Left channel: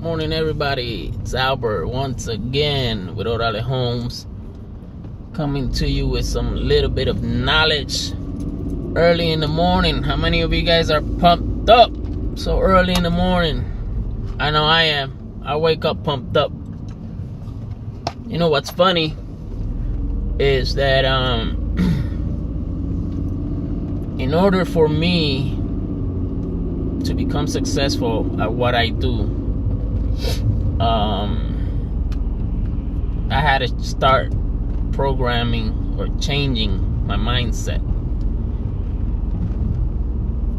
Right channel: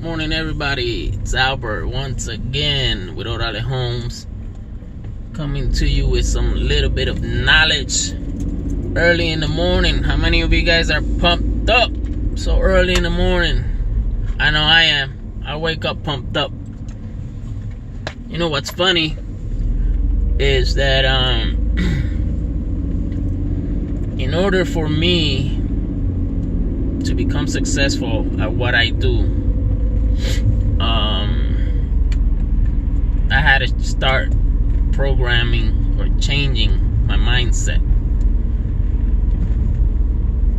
Morning, everybody. It's Albert once again with Orale Homes, coming to you with some little bit of knowledge early in the morning. How many of you guys are pumped up so early in the morning? I know I am. I wake up pumped up. You know what's funny is that in order for me to become successful at what I do, I had to start programming or changing my mindset.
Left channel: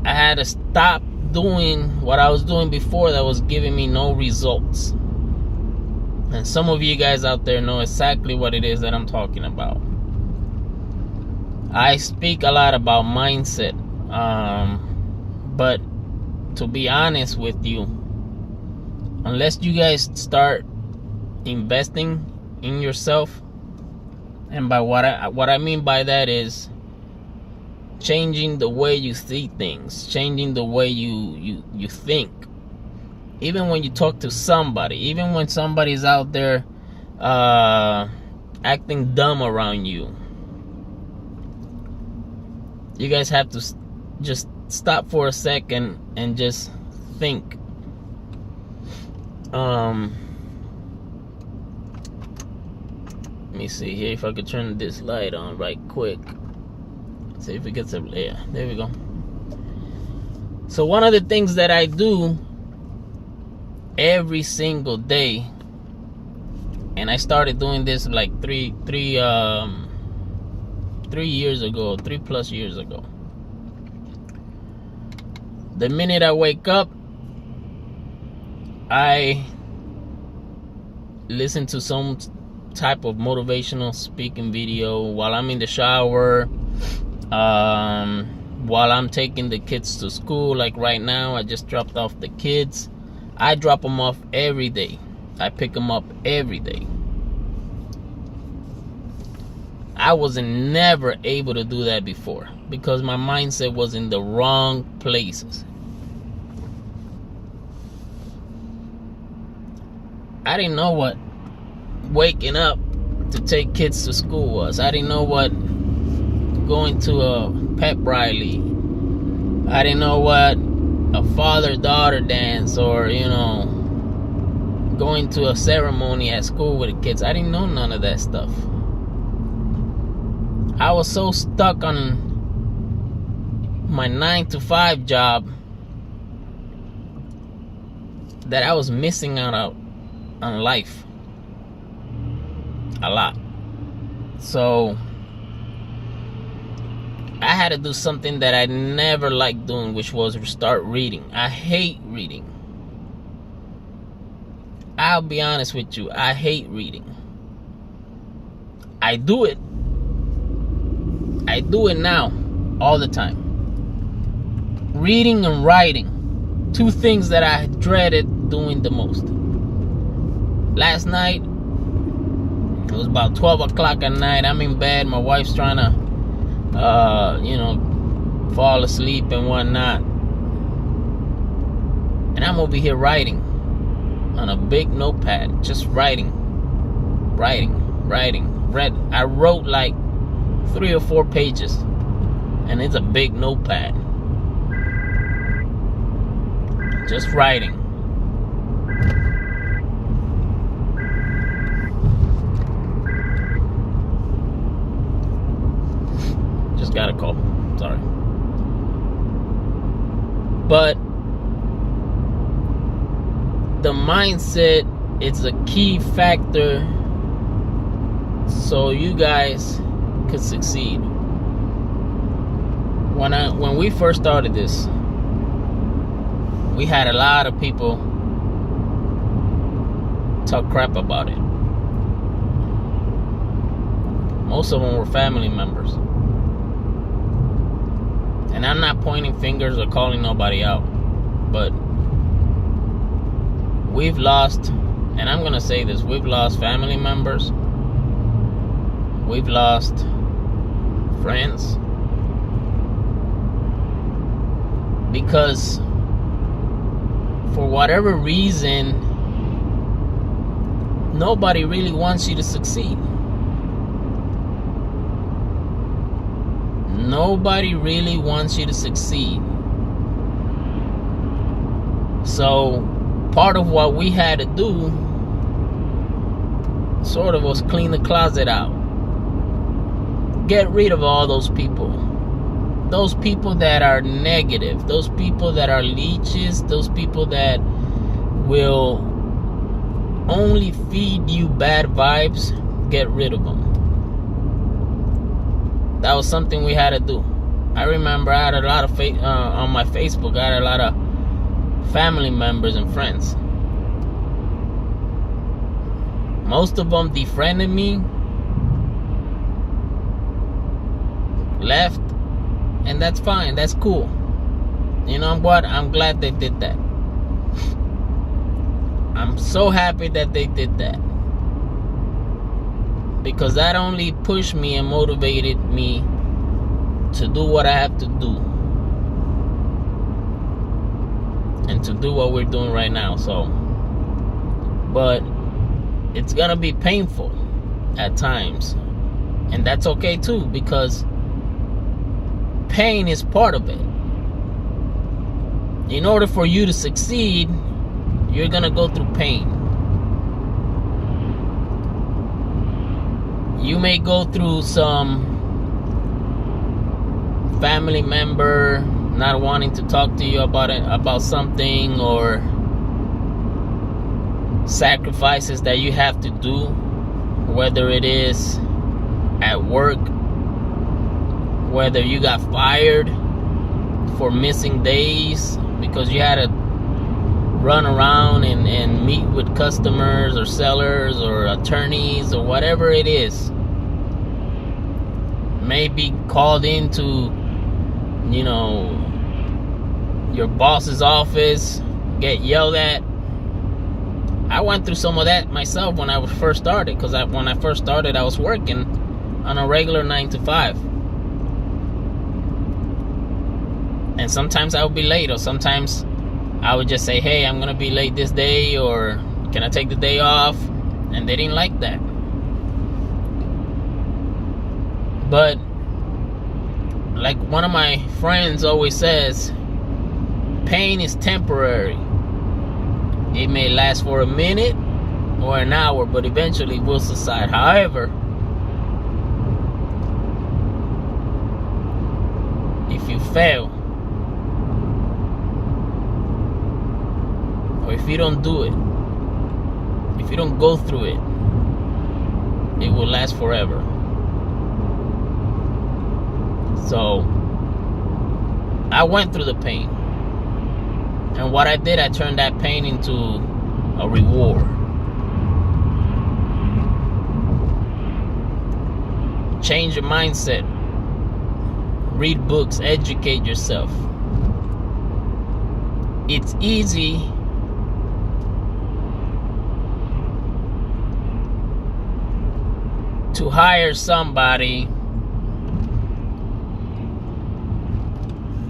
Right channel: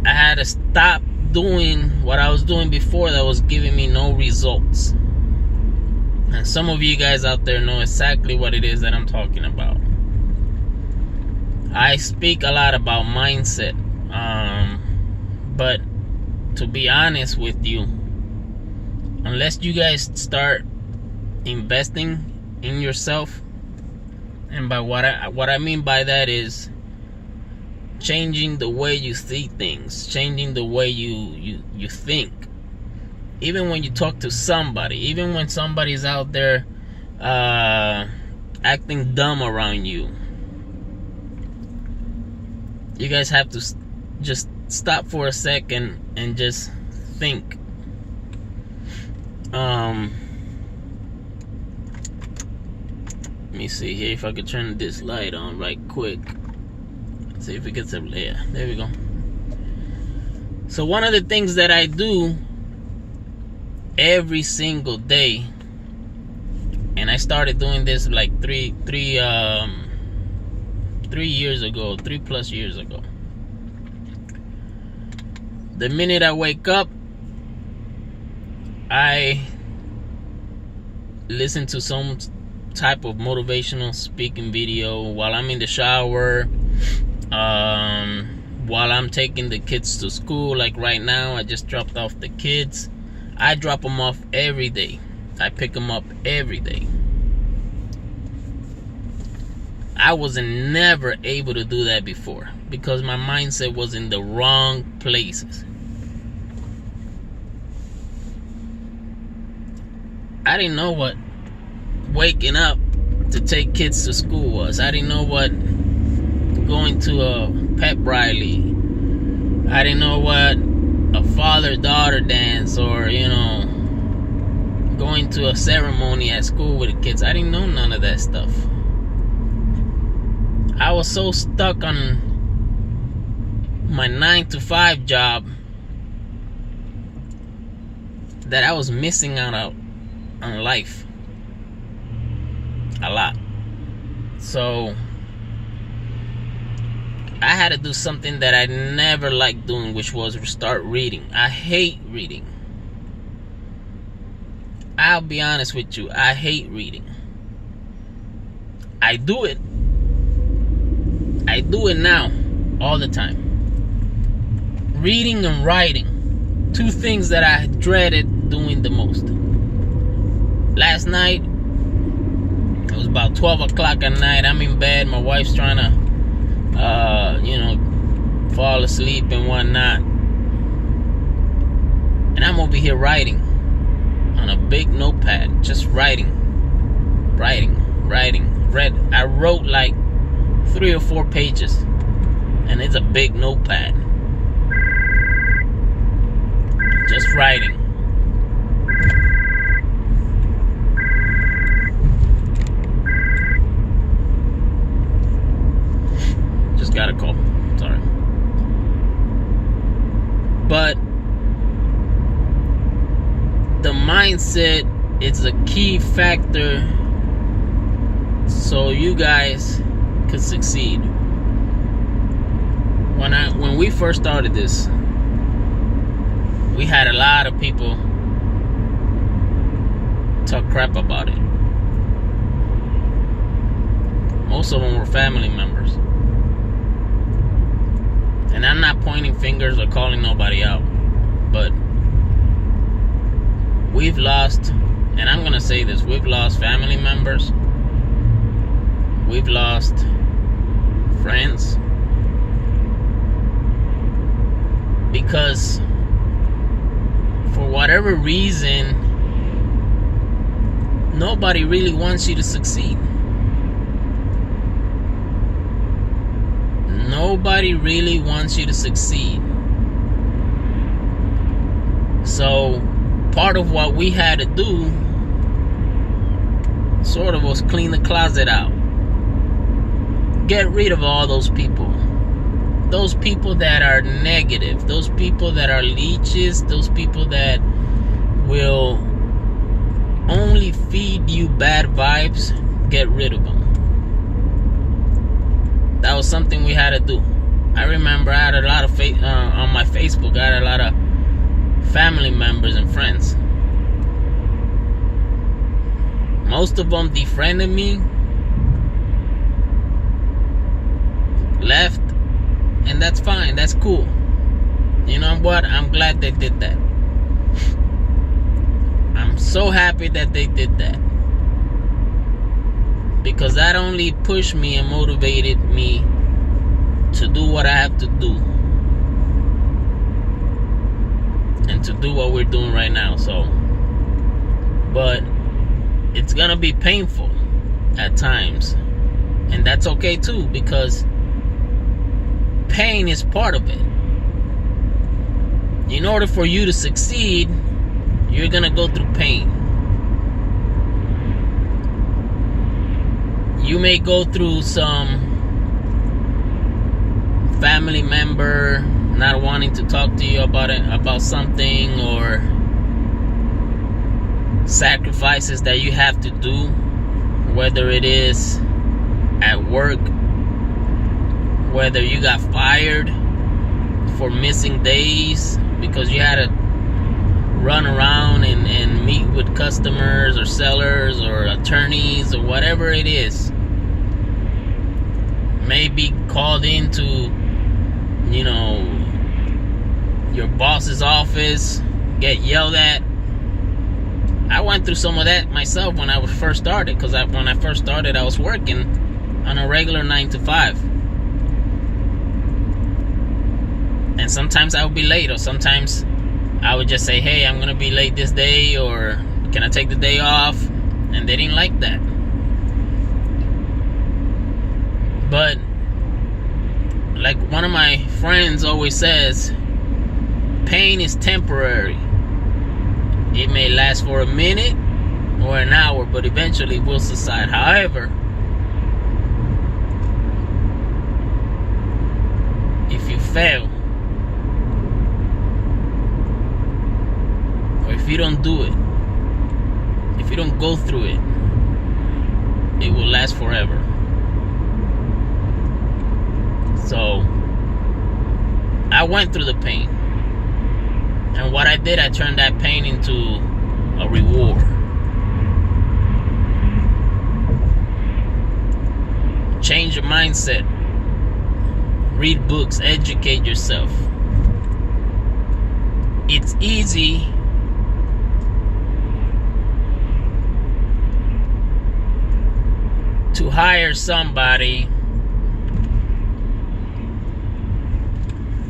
I had to stop doing what I was doing before that was giving me no results. And some of you guys out there know exactly what it is that I'm talking about. I speak a lot about mindset, but to be honest with you, unless you guys start investing in yourself, and by what I mean by that is changing the way you see things, changing the way you think. Even when you talk to somebody, even when somebody's out there acting dumb around you, you guys have to just stop for a second and just think. Let me see here if I could turn this light on right quick. See if it gets up. Yeah, there we go. So one of the things that I do every single day, and I started doing this like three years ago, 3+ years ago. The minute I wake up, I listen to some type of motivational speaking video while I'm in the shower, while I'm taking the kids to school. Like right now, I just dropped off the kids. I drop them off every day. I pick them up every day. I wasn't never able to do that before because my mindset was in the wrong places. I didn't know what waking up to take kids to school was. I didn't know what going to a pep rally. I didn't know what a father-daughter dance or, going to a ceremony at school with the kids. I didn't know none of that stuff. I was so stuck on my 9-to-5 job that I was missing out on life a lot. So I had to do something that I never liked doing, which was start reading. I hate reading. I'll be honest with you, I hate reading. I do it now all the time. Reading and writing, two things that I dreaded doing the most. Last night, it was about 12 o'clock at night. I'm in bed. My wife's trying to, fall asleep and whatnot. And I'm over here writing on a big notepad. Just writing. I wrote like 3 or 4 pages. And it's a big notepad. Just writing. Just got a call. Sorry. But the mindset is a key factor so you guys could succeed. When we first started this, we had a lot of people talk crap about it. Most of them were family members. And I'm not pointing fingers or calling nobody out, but we've lost, and I'm gonna say this, we've lost family members, we've lost friends, because for whatever reason nobody really wants you to succeed. Nobody really wants you to succeed. So part of what we had to do sort of was clean the closet out. Get rid of all those people. Those people that are negative. Those people that are leeches. Those people that will only feed you bad vibes. Get rid of them. That was something we had to do. I remember I had a lot of on my Facebook, I had a lot of family members and friends. Most of them defriended me, left, and that's fine, that's cool. You know what? I'm glad they did that. I'm so happy that they did that. Because that only pushed me and motivated me to do what I have to do. And to do what we're doing right now. So, but it's gonna be painful at times. And that's okay too, because pain is part of it. In order for you to succeed, you're gonna go through pain. You may go through some family member not wanting to talk to you about something, or sacrifices that you have to do, whether it is at work, whether you got fired for missing days because you had to run around and meet with customers or sellers or attorneys or whatever it is. Maybe called into, your boss's office, get yelled at. I went through some of that myself when I first started, because when I first started, I was working on a regular 9 to 5. And sometimes I would be late, or sometimes I would just say, hey, I'm going to be late this day, or can I take the day off? And they didn't like that. But like one of my friends always says, pain is temporary. It may last for a minute or an hour, but eventually will subside. However, if you fail, or if you don't do it, if you don't go through it, it will last forever. So I went through the pain, and what I did, I turned that pain into a reward. Change your mindset. Read books, educate yourself. It's easy to hire somebody,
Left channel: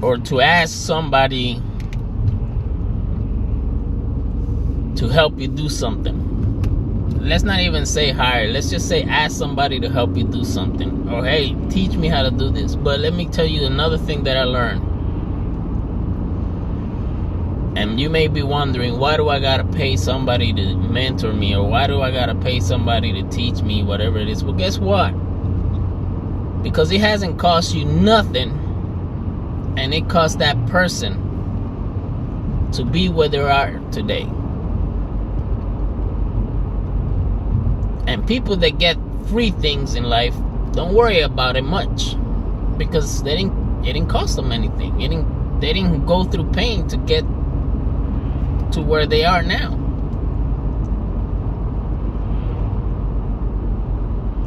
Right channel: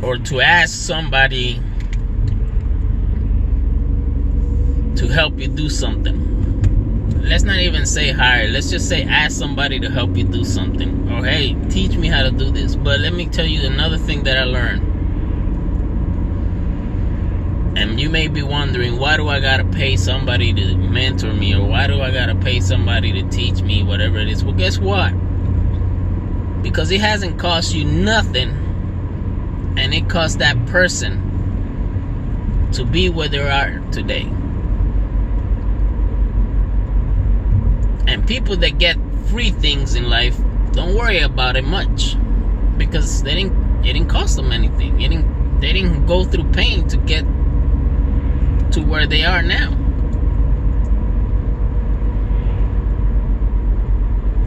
or to ask somebody to help you do something. Let's not even say hire. Let's just say ask somebody to help you do something. Or hey, teach me how to do this. But let me tell you another thing that I learned. And you may be wondering, why do I gotta pay somebody to mentor me? Or why do I gotta pay somebody to teach me whatever it is? Well, guess what? Because it hasn't cost you nothing. And it cost that person to be where they are today. And people that get free things in life don't worry about it much, because it didn't cost them anything. They didn't go through pain to get to where they are now.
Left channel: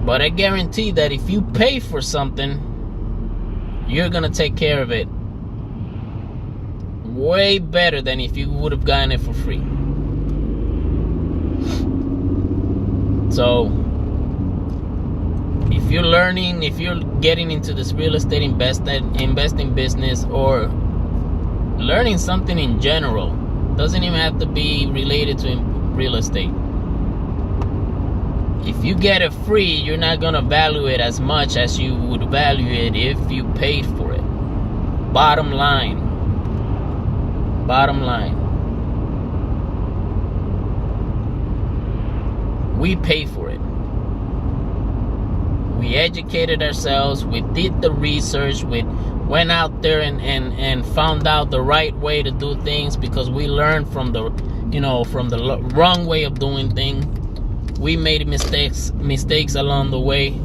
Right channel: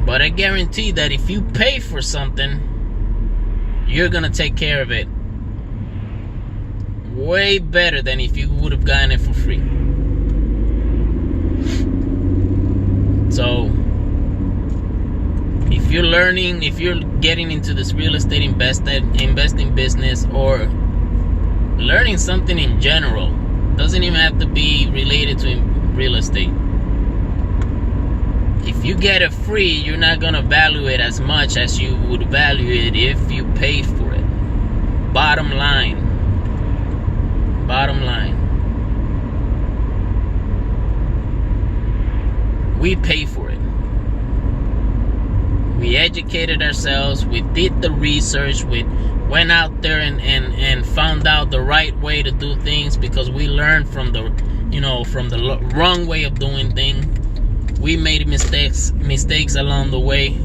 But I guarantee that if you pay for something, you're gonna take care of it way better than if you would have gotten it for free. So if you're learning, if you're getting into this real estate investing business, or learning something in general, doesn't even have to be related to real estate. If you get it free, you're not gonna value it as much as you would value it if you paid for it. Bottom line. We pay for it. We educated ourselves. We did the research. We went out there and found out the right way to do things, because we learned from the wrong way of doing things. We made mistakes along the way.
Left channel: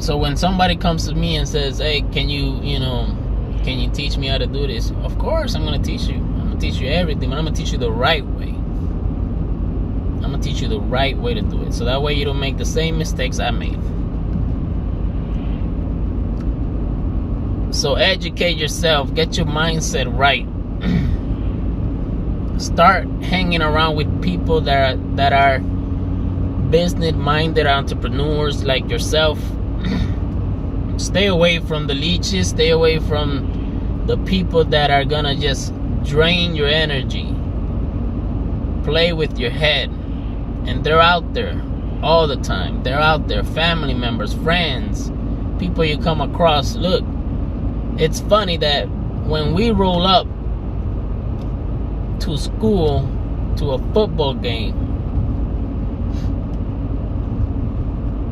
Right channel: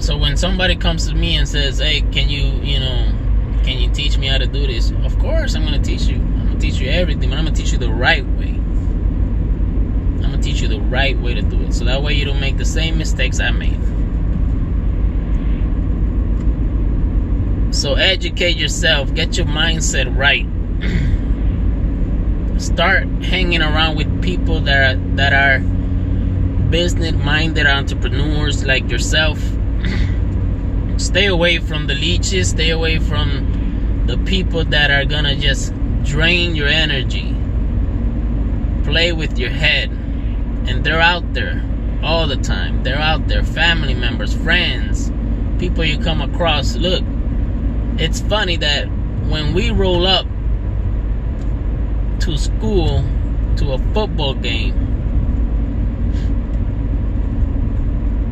So when somebody comes to me and says, "Hey, can you teach me how to do this?" Of course, I'm gonna teach you. I'm gonna teach you everything, but I'm gonna teach you the right way. I'm gonna teach you the right way to do it, so that way you don't make the same mistakes I made. So educate yourself, get your mindset right. Start hanging around with people that are business-minded entrepreneurs like yourself. Stay away from the leeches. Stay away from the people that are gonna just drain your energy. Play with your head. And they're out there all the time. They're out there. Family members, friends, people you come across. Look, it's funny that when we roll up to school, to a football game,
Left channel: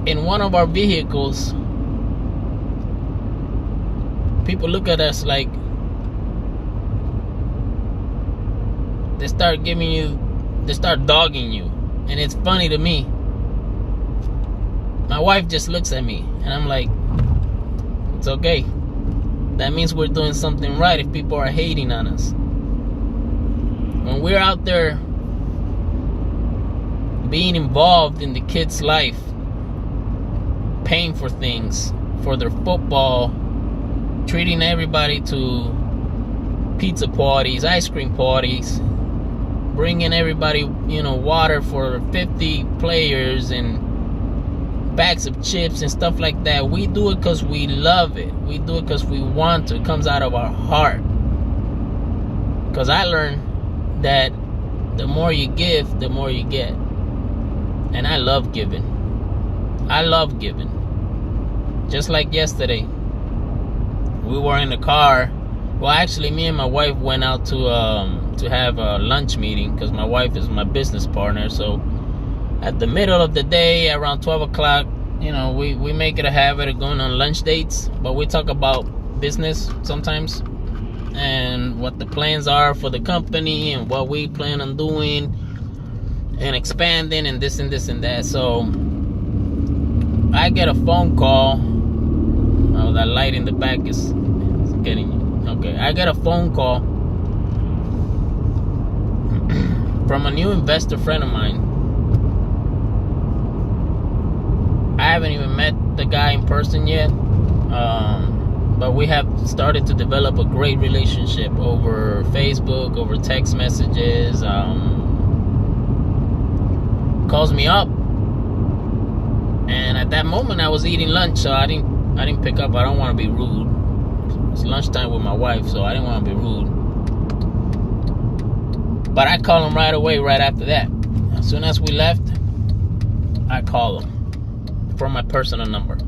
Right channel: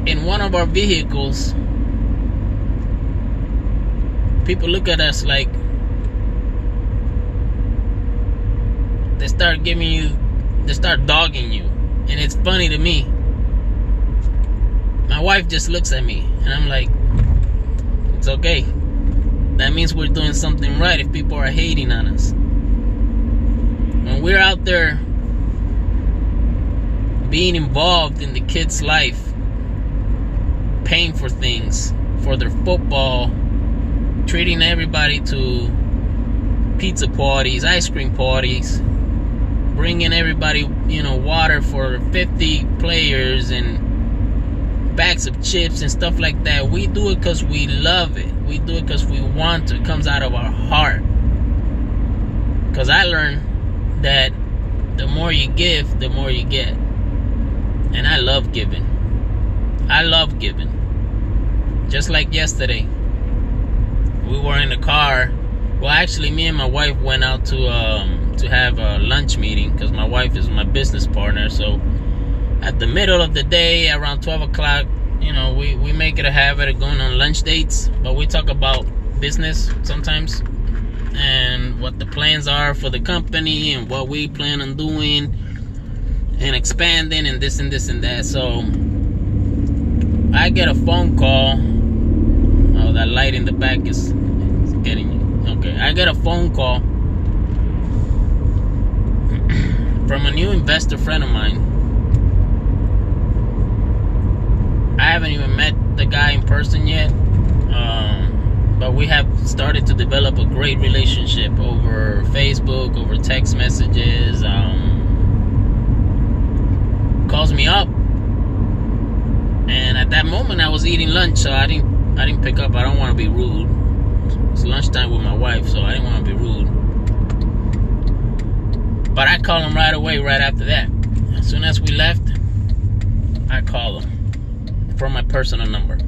in one of our vehicles, people look at us like they start dogging you. And it's funny to me. My wife just looks at me and I'm like, it's okay. That means we're doing something right if people are hating on us. When we're out there being involved in the kids' life, paying for things, for their football, treating everybody to pizza parties, ice cream parties, bringing everybody, water for 50 players and bags of chips and stuff like that. We do it because we love it. We do it because we want to. It comes out of our heart. Because I learned that the more you give, the more you get. And I love giving. Just like yesterday, we were in the car. Well, actually, me and my wife went out to have a lunch meeting, because my wife is my business partner. So at the middle of the day, around 12 o'clock, we make it a habit of going on lunch dates. But we talk about business sometimes, and what the plans are for the company, and what we plan on doing and expanding, and this and this and that. So I get a phone call. Oh, that light in the back is getting you. Okay, I get a phone call from a new investor friend of mine. I haven't even met the guy in person yet, but we have started to develop a great relationship over Facebook, over text messages. Calls me up, and at that moment I was eating lunch, so I didn't pick up. I don't want to be rude. It's lunchtime with my wife, so I didn't want to be rude. But I call him right away, right after that. As soon as we left, I call him from my personal number.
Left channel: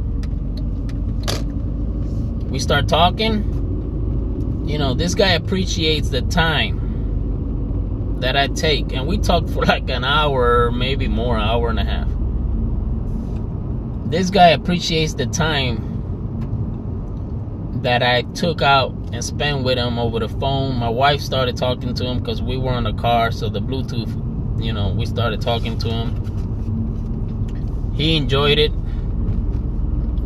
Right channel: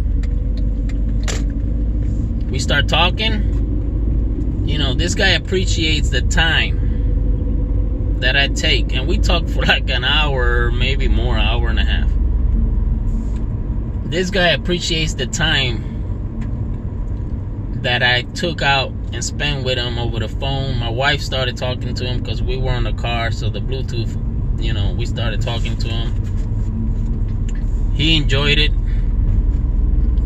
We start talking. This guy appreciates the time that I take. And we talk for like an hour, maybe more, an hour and a half. This guy appreciates the time that I took out and spent with him over the phone. My wife started talking to him because we were in the car, so the Bluetooth, we started talking to him. He enjoyed it.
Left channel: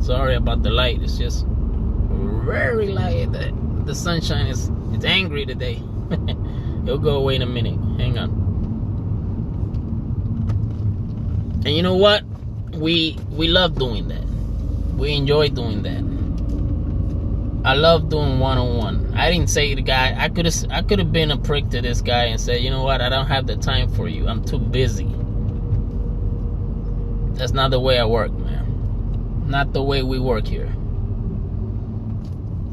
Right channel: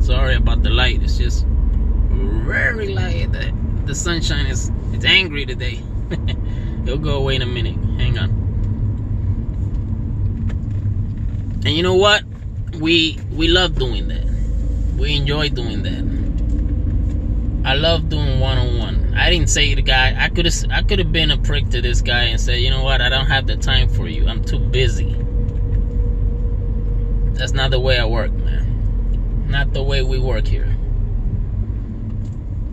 Sorry about the light. It's just very light. The sunshine it's angry today. It'll go away in a minute. Hang on. And you know what? We love doing that. We enjoy doing that. I love doing one-on-one. I didn't say to the guy, I could have been a prick to this guy and said, you know what, I don't have the time for you. I'm too busy. That's not the way I work, man. Not the way we work here.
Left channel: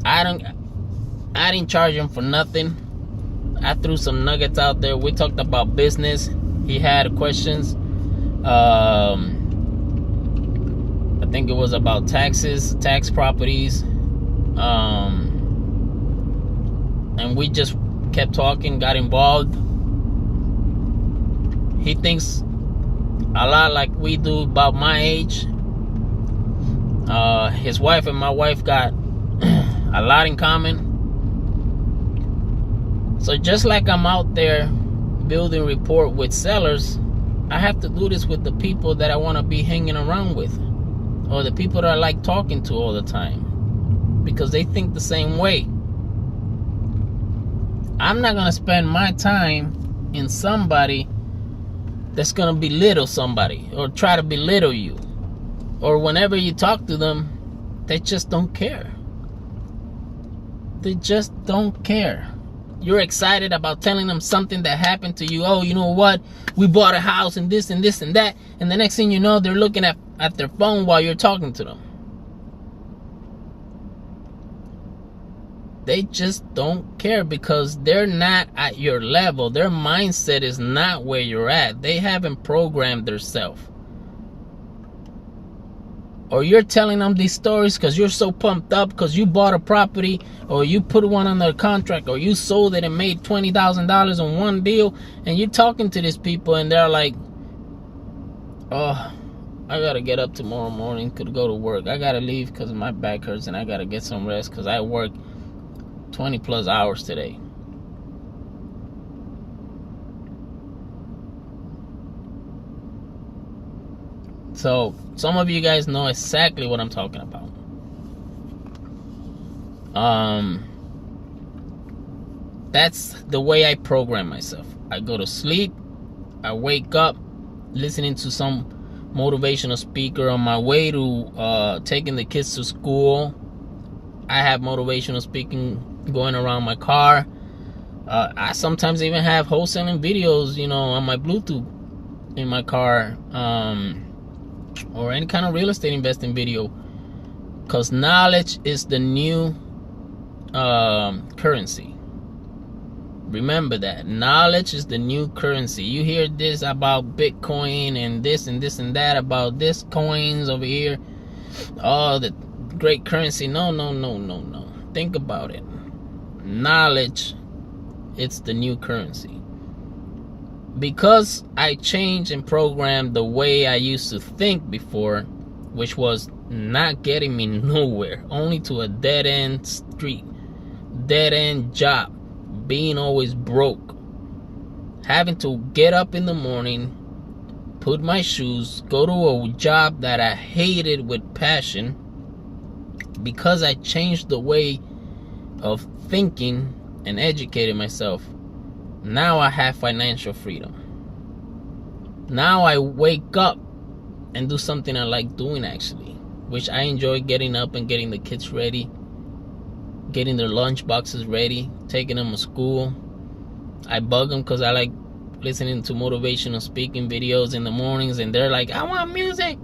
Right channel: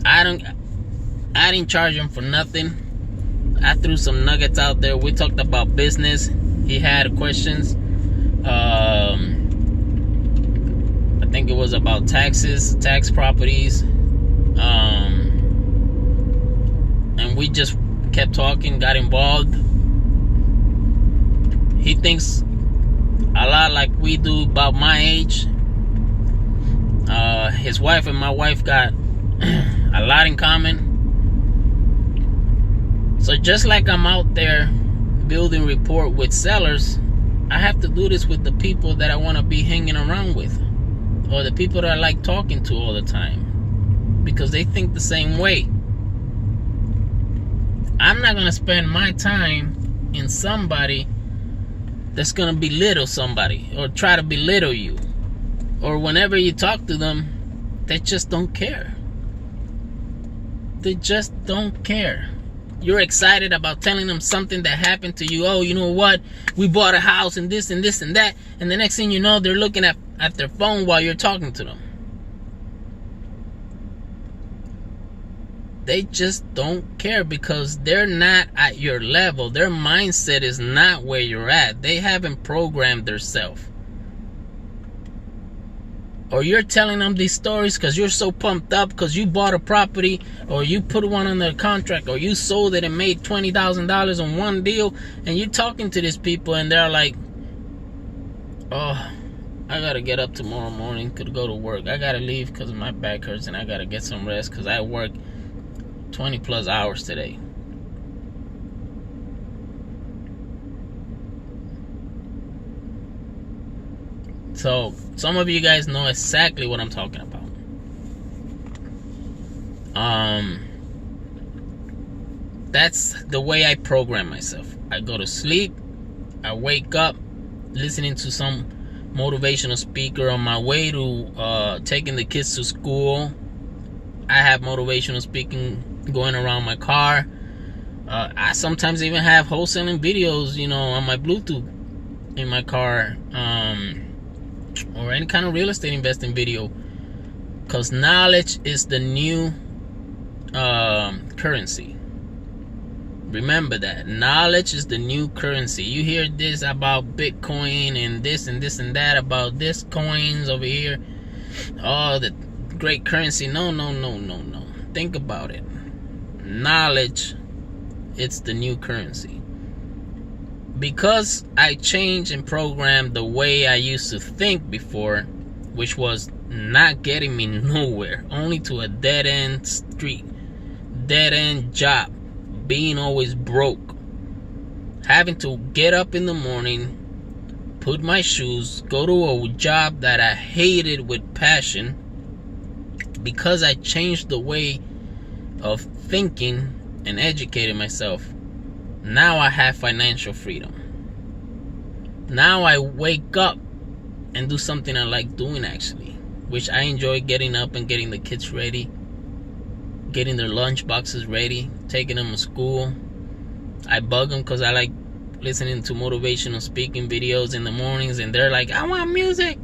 I didn't charge him for nothing. I threw some nuggets out there. We talked about business. He had questions. I think it was about taxes, tax properties. And we just kept talking, got involved. He thinks a lot like we do about my age. His wife and my wife got a lot in common. So just like I'm out there building rapport with sellers, I have to do this with the people that I want to be hanging around with, or the people that I like talking to all the time, because they think the same way. I'm not going to spend my time in somebody that's going to belittle somebody or try to belittle you. Or whenever you talk to them, they just don't care. They just don't care. You're excited about telling them something that happened to you. Oh, you know what? We bought a house and this and this and that. And the next thing you know, they're looking at their phone while you're talking to them. They just don't care because they're not at your level. Their mindset is not where you're at. They haven't programmed themselves. Or you're telling them these stories because you're so pumped up because you bought a property, or you put one under contract, or you sold it and made $20,000 on one deal, and you're talking to these people and they're like, oh, I gotta get up tomorrow morning, could go to work. I gotta leave because my back hurts and I gotta get some rest because I work 20 plus hours today. So some of you guys know exactly what I'm talking about. That's the way I program myself. I go to sleep, I wake up listening to some motivational speaker on my way to taking the kids to school. I have motivational speaking going around my car. I sometimes even have wholesaling videos, on my Bluetooth in my car, or any kind of real estate investing video, because knowledge is the new currency. Remember that knowledge is the new currency. You hear this about Bitcoin and this and this and that about this coins over here, oh, the great currency. No. Think about it. Knowledge, it's the new currency. Because I changed and programmed the way I used to think before, which was not getting me nowhere, only to a dead-end street, dead-end job, being always broke, having to get up in the morning, put my shoes, go to a job that I hated with passion. Because I changed the way of thinking and educated myself, now I have financial freedom. Now I wake up and do something I like doing, actually, which I enjoy: getting up and getting the kids ready, getting their lunch boxes ready, taking them to school. I bug them because I like listening to motivational speaking videos in the mornings, and they're like, I want music.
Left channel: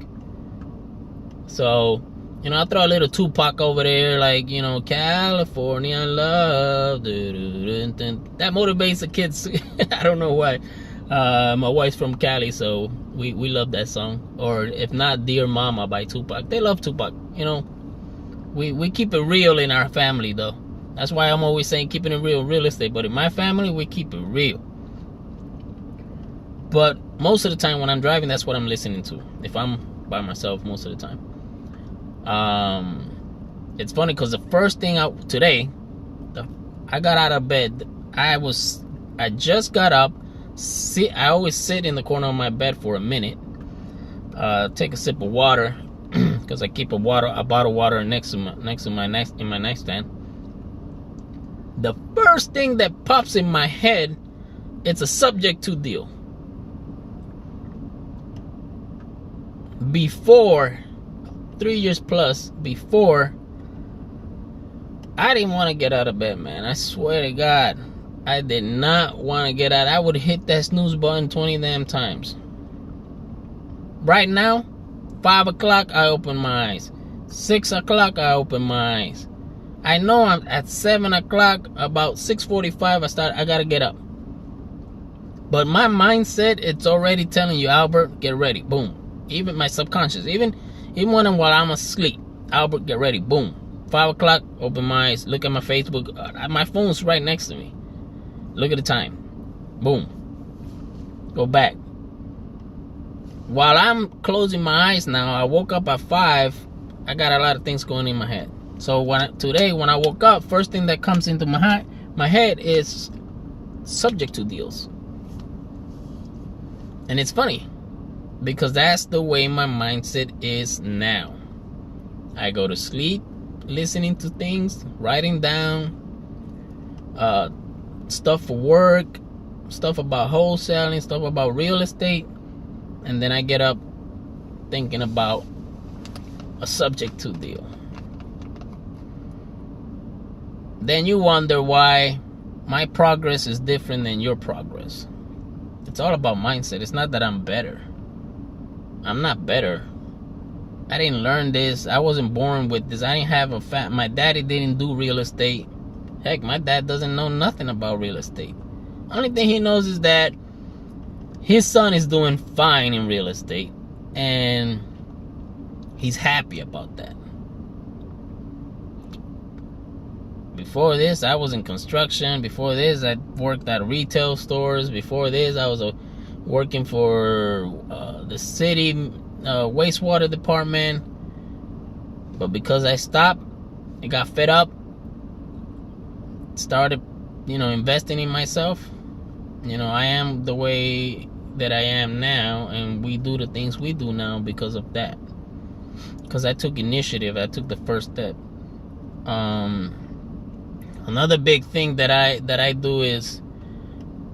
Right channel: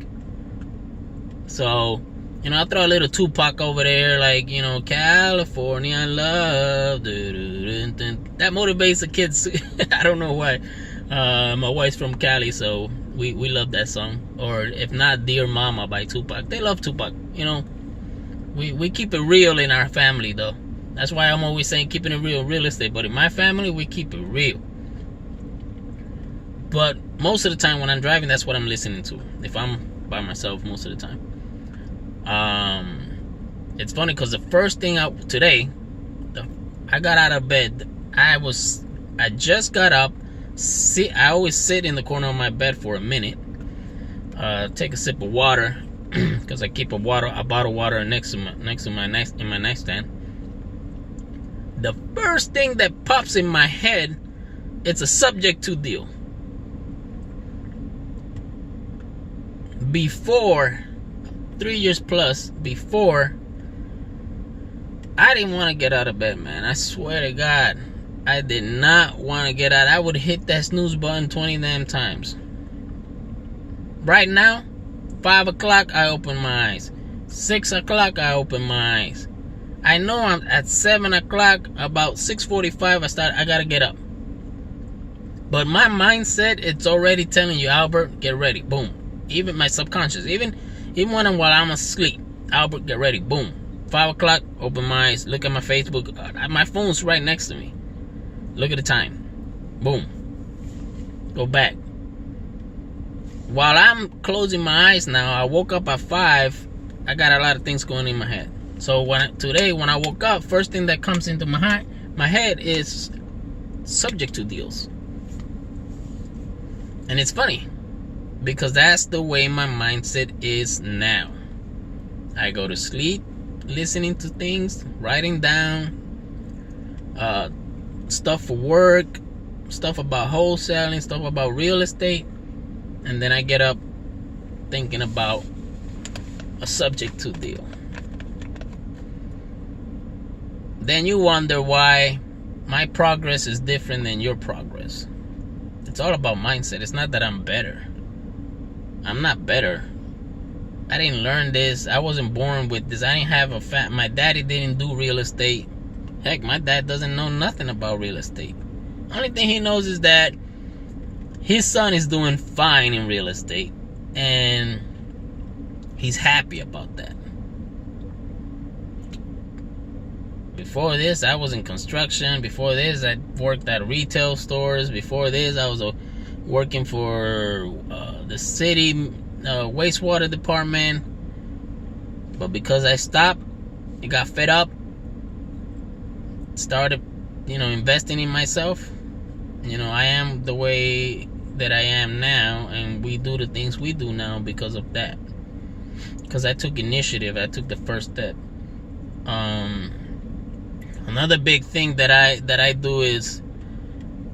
So, I throw a little Tupac over there, like, California love. That motivates the kids. I don't know why. My wife's from Cali, so we love that song. Or if not, Dear Mama by Tupac. They love Tupac. We keep it real in our family, though. That's why I'm always saying keeping it real estate. But in my family, we keep it real. But most of the time when I'm driving, that's what I'm listening to. If I'm by myself, most of the time. It's funny because the first thing I got out of bed, I just got up. I always sit in the corner of my bed for a minute, take a sip of water, because I keep a bottle of water next to my nightstand. The first thing that pops in my head, it's a subject to deal. Before 3 years plus before, I didn't want to get out of bed, man. I swear to God, I did not want to get out. I would hit that snooze button 20 damn times. Right now, 5 o'clock, I open my eyes. 6 o'clock, I open my eyes. I know I'm at 7 o'clock, about 6:45, I gotta get up. But my mindset, it's already telling you, Albert, get ready. Boom. Even my subconscious, even while I'm asleep, Albert, get ready. Boom. 5 o'clock, open my eyes, look at my Facebook. My phone's right next to me. Look at the time. Boom. Go back. While I'm closing my eyes now, I woke up at 5. I got a lot of things going in my head. So today when I woke up, first thing that comes into my head is subject to deals. And it's funny because that's the way my mindset is now. I go to sleep listening to things, writing down stuff for work, stuff about wholesaling, stuff about real estate, and then I get up thinking about a subject to deal. Then you wonder why my progress is different than your progress. It's all about mindset. It's not that I'm better. I'm not better. I didn't learn this. I wasn't born with this. I didn't have my daddy didn't do real estate. Heck, my dad doesn't know nothing about real estate. Only thing he knows is that his son is doing fine in real estate, and he's happy about that. Before this, I was in construction. Before this, I worked at retail stores. Before this, I was working for the city wastewater department. But because I stopped, I got fed up, started, investing in myself. I am the way that I am now, and we do the things we do now because of that. Because I took initiative. I took the first step. Another big thing that I do is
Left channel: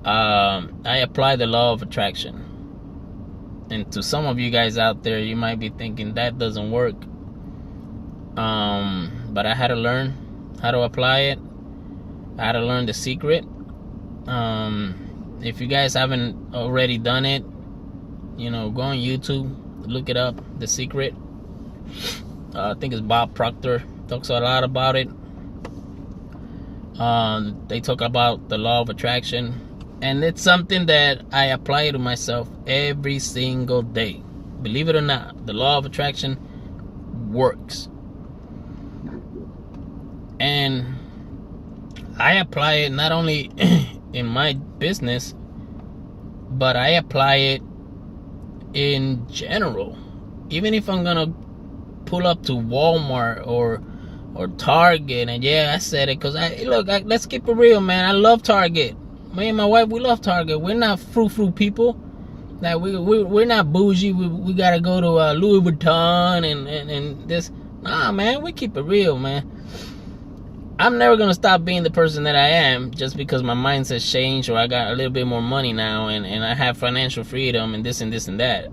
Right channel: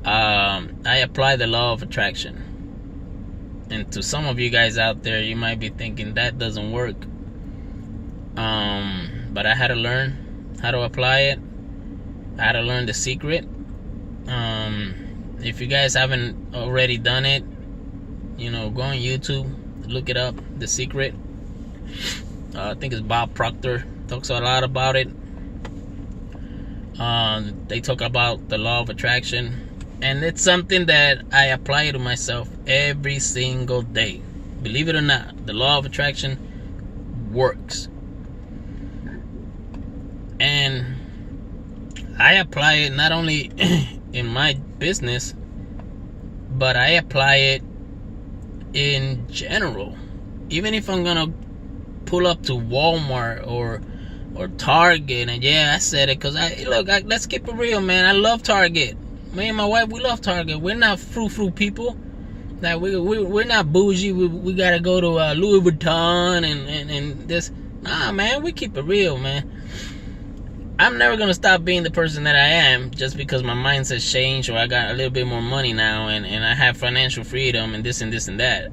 I apply the law of attraction. And to some of you guys out there, you might be thinking that doesn't work. But I had to learn how to apply it. I had to learn the secret. If you guys haven't already done it, go on YouTube, look it up, The Secret. I think it's Bob Proctor talks a lot about it. They talk about the law of attraction, and it's something that I apply to myself every single day. Believe it or not, the law of attraction works. And I apply it not only in my business, but I apply it in general. Even if I'm gonna pull up to Walmart or Target, and yeah, I said it because let's keep it real, man. I love Target. Me and my wife, we love Target. We're not frou-frou people. Like we're not bougie. We gotta go to Louis Vuitton and this. Nah, man, we keep it real, man. I'm never gonna stop being the person that I am just because my mindset's changed, or I got a little bit more money now, and I have financial freedom and this and this and that.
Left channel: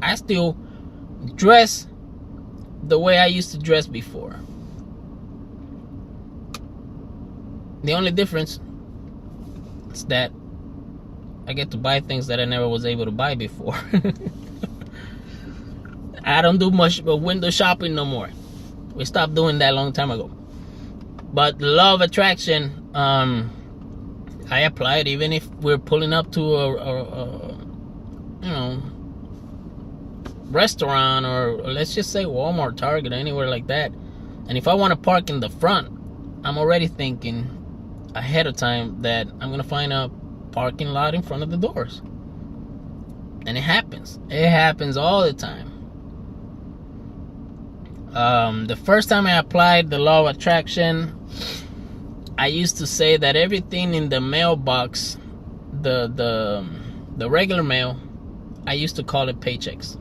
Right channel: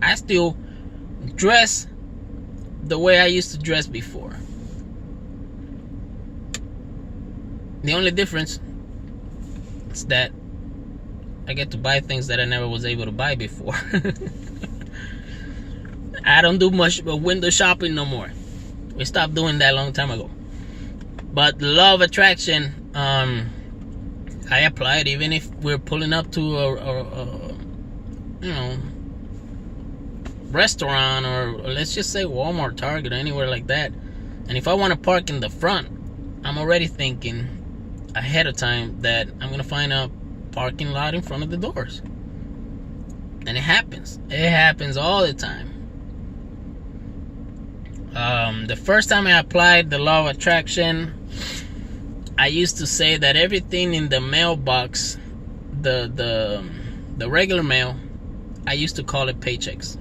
I still dress the way I used to dress before. The only difference is that I get to buy things that I never was able to buy before. I don't do much window shopping no more. We stopped doing that a long time ago. But the law of attraction, I apply it even if we're pulling up to a restaurant, or let's just say Walmart, Target, or anywhere like that. And if I want to park in the front, I'm already thinking ahead of time that I'm gonna find a parking lot in front of the doors. And it happens all the time. The first time I applied the law of attraction, I used to say that everything in the mailbox, the regular mail, I used to call it paychecks.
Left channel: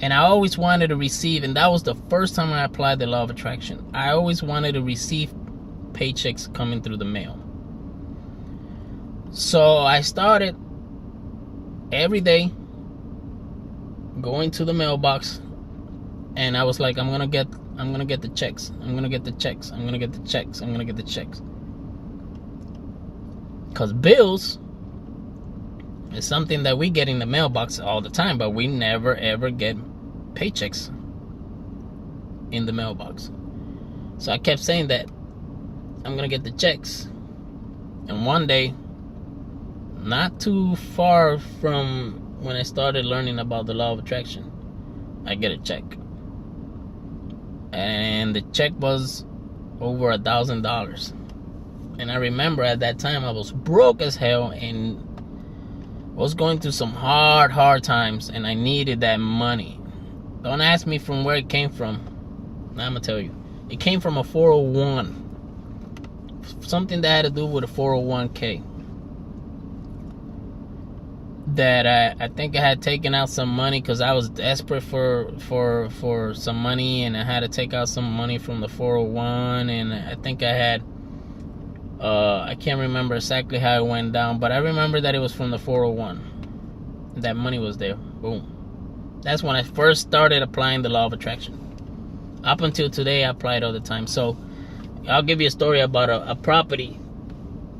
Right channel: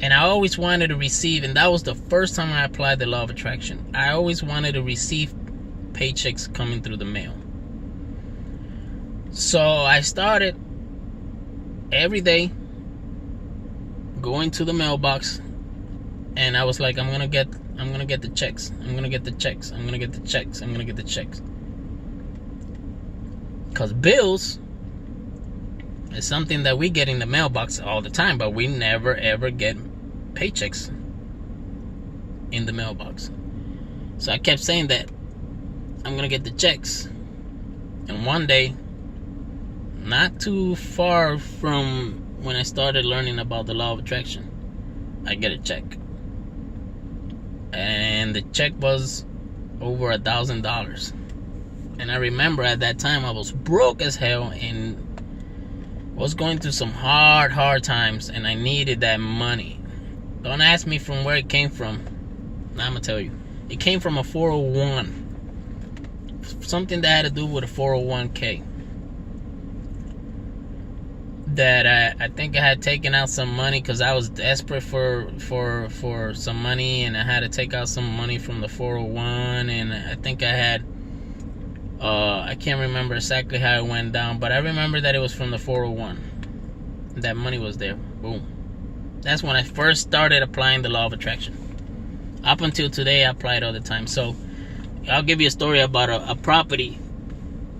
And I always wanted to receive, and that was the first time I applied the law of attraction. I always wanted to receive paychecks coming through the mail. So I started every day going to the mailbox, and I was like, I'm gonna get the checks. I'm gonna get the checks. I'm gonna get the checks. I'm gonna get the checks. Because bills is something that we get in the mailbox all the time, but we never ever get paychecks in the mailbox. So I kept saying that I'm gonna get the checks. And one day, not too far from when I started learning about the law of attraction, I get a check. And the check was over $1,000. And I remember at that time I was broke as hell and was going through some hard times, and I needed that money. Don't ask me from where it came from. Now I'm gonna tell you. It came from a 401. Something that had to do with a 401k. That I think I had taken out some money because I was desperate for some money, and I had to take out some money from the 401, and I think I had I can't remember exactly how it went down, but I remember that it was from the 401. That money was there. Boom. That's when I first started applying the law of attraction. Up until today, I apply it all the time. So I'll give you a story about a property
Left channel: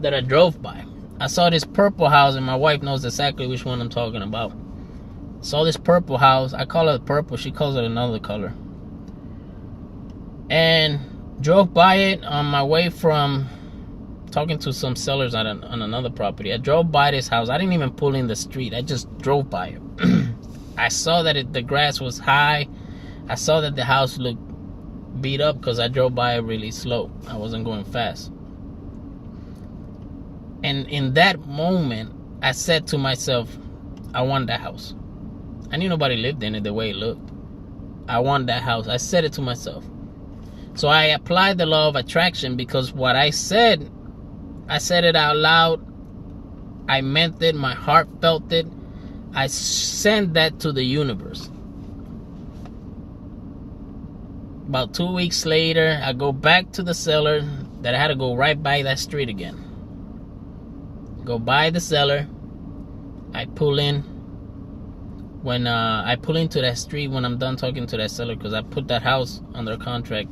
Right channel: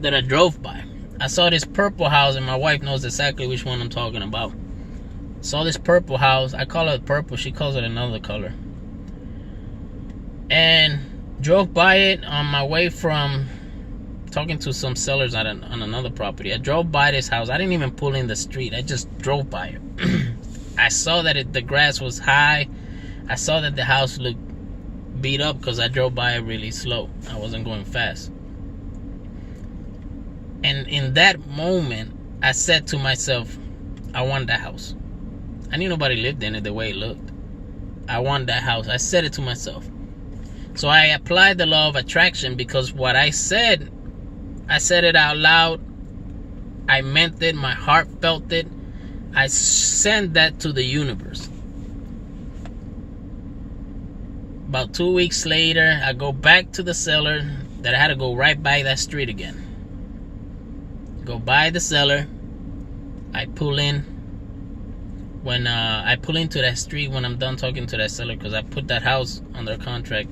that I drove by. I saw this purple house, and my wife knows exactly which one I'm talking about. Saw this purple house. I call it purple. She calls it another color. And drove by it on my way from talking to some sellers on another property. I drove by this house. I didn't even pull in the street. I just drove by it. I saw that the grass was high. I saw that the house looked beat up because I drove by it really slow. I wasn't going fast. And in that moment, I said to myself, I want that house. I knew nobody lived in it the way it looked. I want that house. I said it to myself. So I applied the law of attraction, because what I said it out loud. I meant it. My heart felt it. I sent that to the universe. About 2 weeks later, I go back to the seller that I had to go right by that street again. Go by the seller. I pull in. When I pull into that street, when I'm done talking to that seller, because I put that house under contract,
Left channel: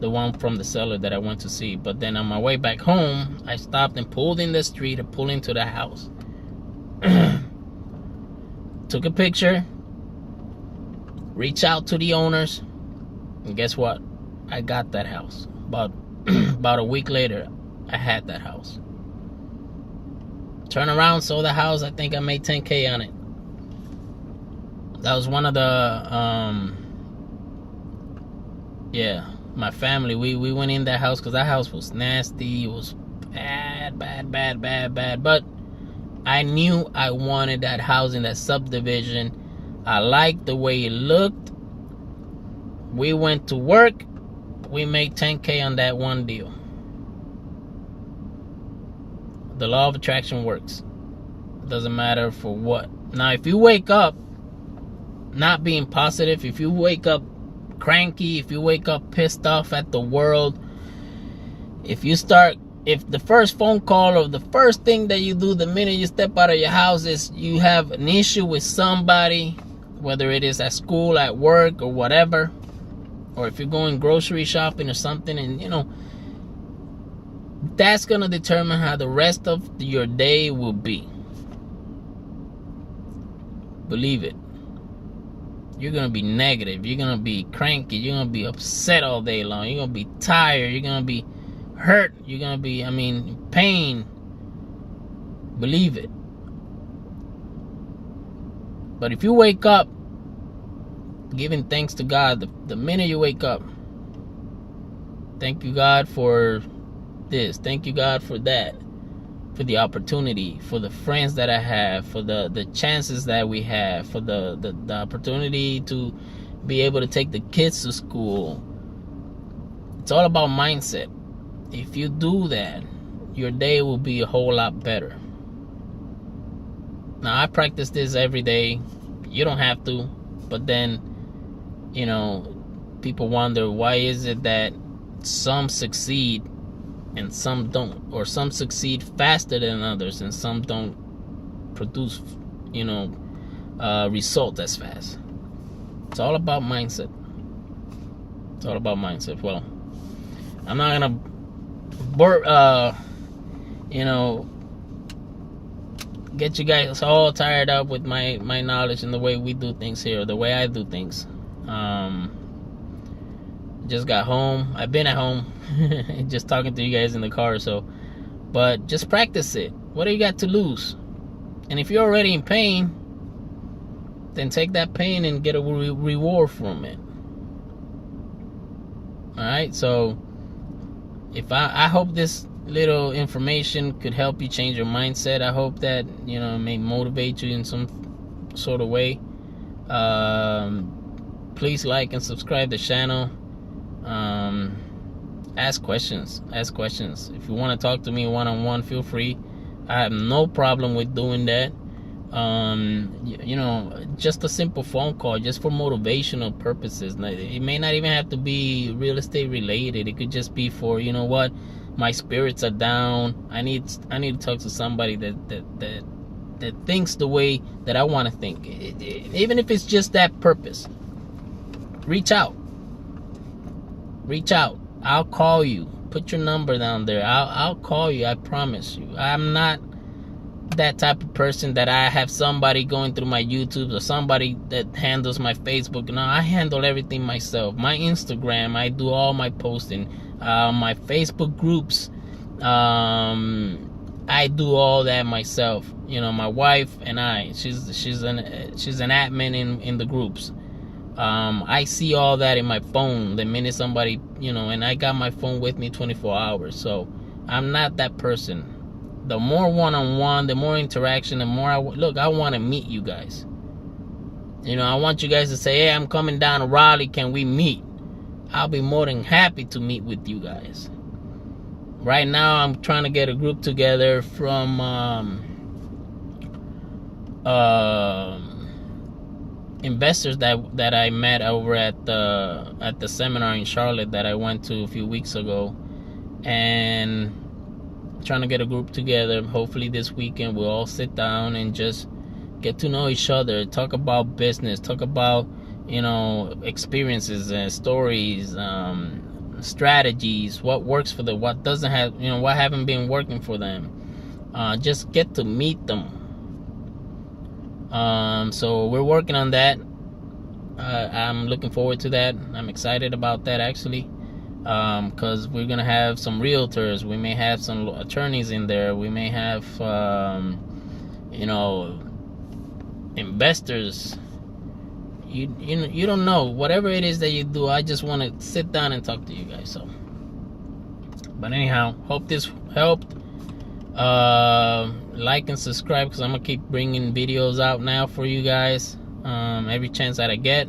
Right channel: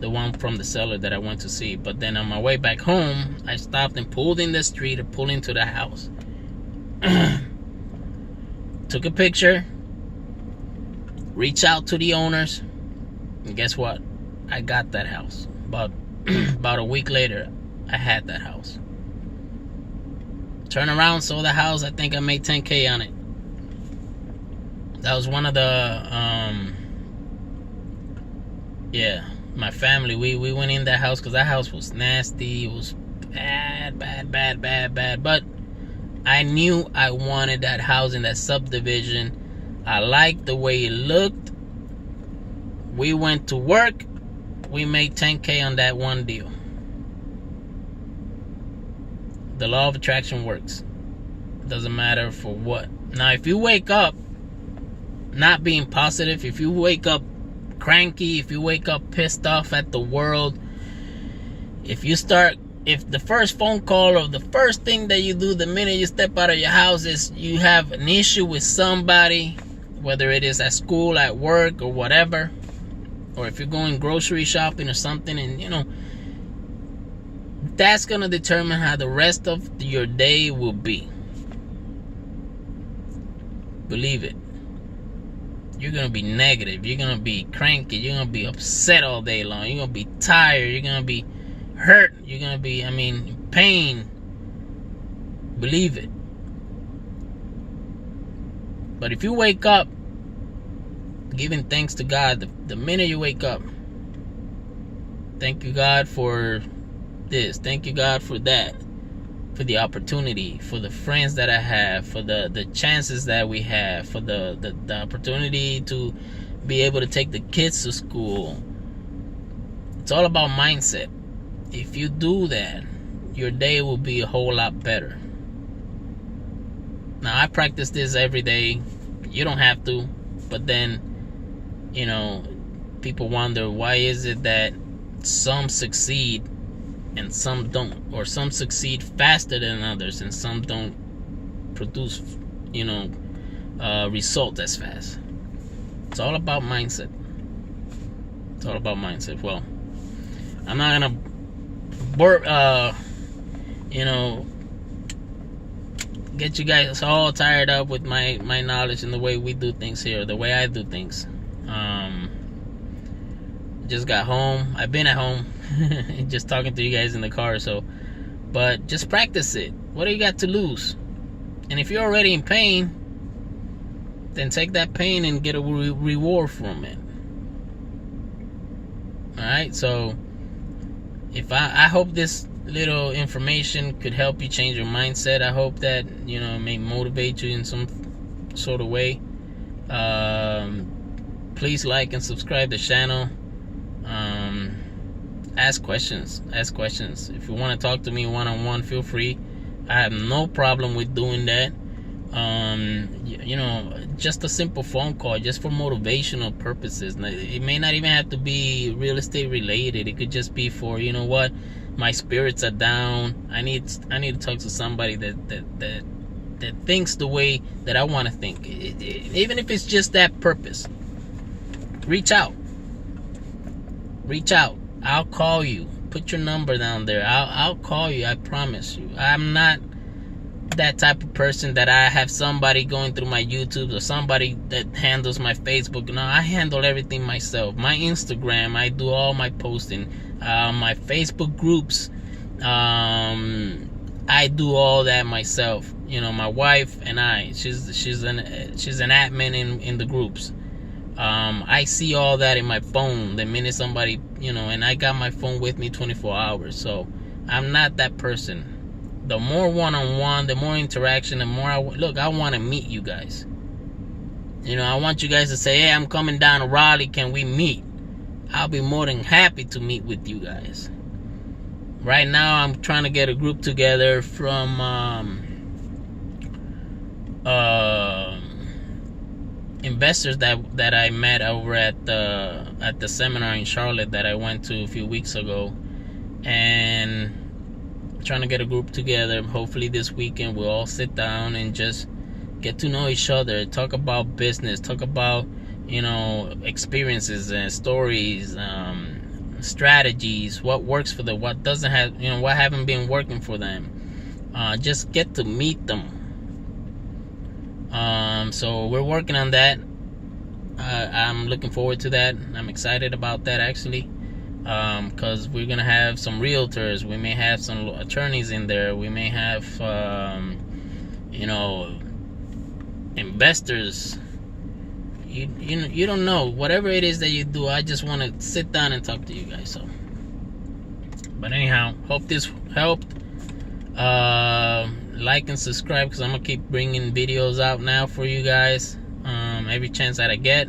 the one from the seller that I went to see. But then on my way back home, I stopped and pulled in the street and pulled into the house. Took a picture. Reached out to the owners. And guess what? I got that house. About a week later, I had that house. Turn around, sold the house. I think I made $10K on it. That was one of the, my family, we went in that house because that house was nasty. It was bad. But I knew I wanted that house in that subdivision. I liked the way it looked. We went to work. We made $10K on that one deal. The law of attraction works. It doesn't matter for what. Now, if you wake up not being positive, if you wake up cranky, if you wake up pissed off at the world, if the first phone call or the first thing that you do the minute you step out of your house is you have an issue with somebody, whether it is at school, at work, or whatever, or if you're going grocery shopping or something, and that's going to determine how the rest of your day will be. Believe it. You're going to be negative. You're going to be cranky. You're going to be upset all day long. You're going to be tired. You're going to be hurt. You're going to be, in pain. Believe it. But if you wake up giving thanks to God, the minute you wake up, thank you, God, for this. Thank you, God, for that. For the opportunity, for the friends that I have, for the chances that we have, for the opportunity to be able to take the kids to school. It's all about mindset. If you do that, your day will be a whole lot better. Now, I practice this every day. You don't have to, but then, people wonder, why is it that some succeed and some don't, or some succeed faster than others and some don't produce results as fast? It's all about mindset. It's all about mindset. Well, I'm not gonna get you guys all tired up with my knowledge and the way we do things here, the way I do things. Just got home. I've been at home, just talking to you guys in the car. So, but just practice it. What do you got to lose? And if you're already in pain, then take that pain and get a reward from it. All right. So, if I hope this little information could help you change your mindset. I hope that, you know, it may motivate you in some sort of way. Please like and subscribe to the channel. Ask questions. If you want to talk to me one-on-one, feel free. I have no problem with doing that. You know, just a simple phone call, just for motivational purposes. It may not even have to be real estate related. It could just be for, you know what, my spirits are down. I need to talk to somebody that thinks the way that I want to think. Even if it's just that purpose, reach out. I'll call you. Put your number down there. I'll call you. I promise you. I'm not that type of person that I have somebody going through my YouTube or somebody that handles my Facebook. No, I handle everything myself. My Instagram, I do all my posting. My Facebook groups, I do all that myself. You know, my wife and I, she's an admin in the groups. I see all that in my phone the minute somebody, you know, and I got my phone with me 24 hours. So I'm not that person. The more one-on-one, the more interaction, the more I want to meet you guys. You know, I want you guys to say, hey, I'm coming down to Raleigh, can we meet? I'll be more than happy to meet with you guys. Right now, I'm trying to get a group together from investors that I met over at the seminar in Charlotte that I went to a few weeks ago, and trying to get a group together. Hopefully this weekend we'll all sit down and just get to know each other, talk about business, talk about, you know, experiences and stories, strategies, what works for them, what doesn't have, you know, what haven't been working for them. Just get to meet them. So we're working on that. I'm looking forward to that. I'm excited about that, actually, because we're gonna have some realtors, we may have some attorneys in there, we may have you know, investors. You don't know, whatever it is that you do. I just want to sit down and talk to you guys. So, but anyhow, hope this helped. Like and subscribe, because I'm gonna keep bringing videos out now for you guys, every chance that I get.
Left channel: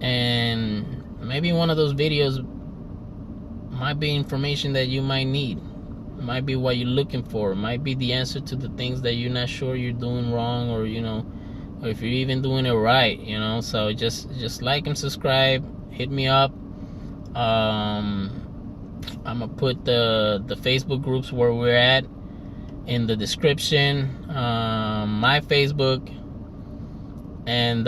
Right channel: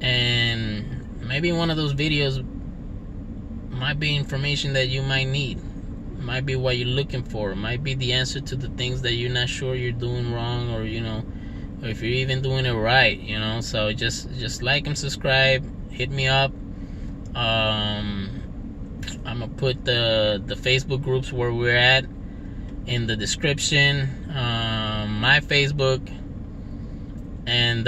And maybe one of those videos might be information that you might need. It might be what you're looking for. It might be the answer to the things that you're not sure you're doing wrong, or, you know, or if you're even doing it right, you know. So just like and subscribe. Hit me up. I'm gonna put the Facebook groups where we're at in the description. My Facebook and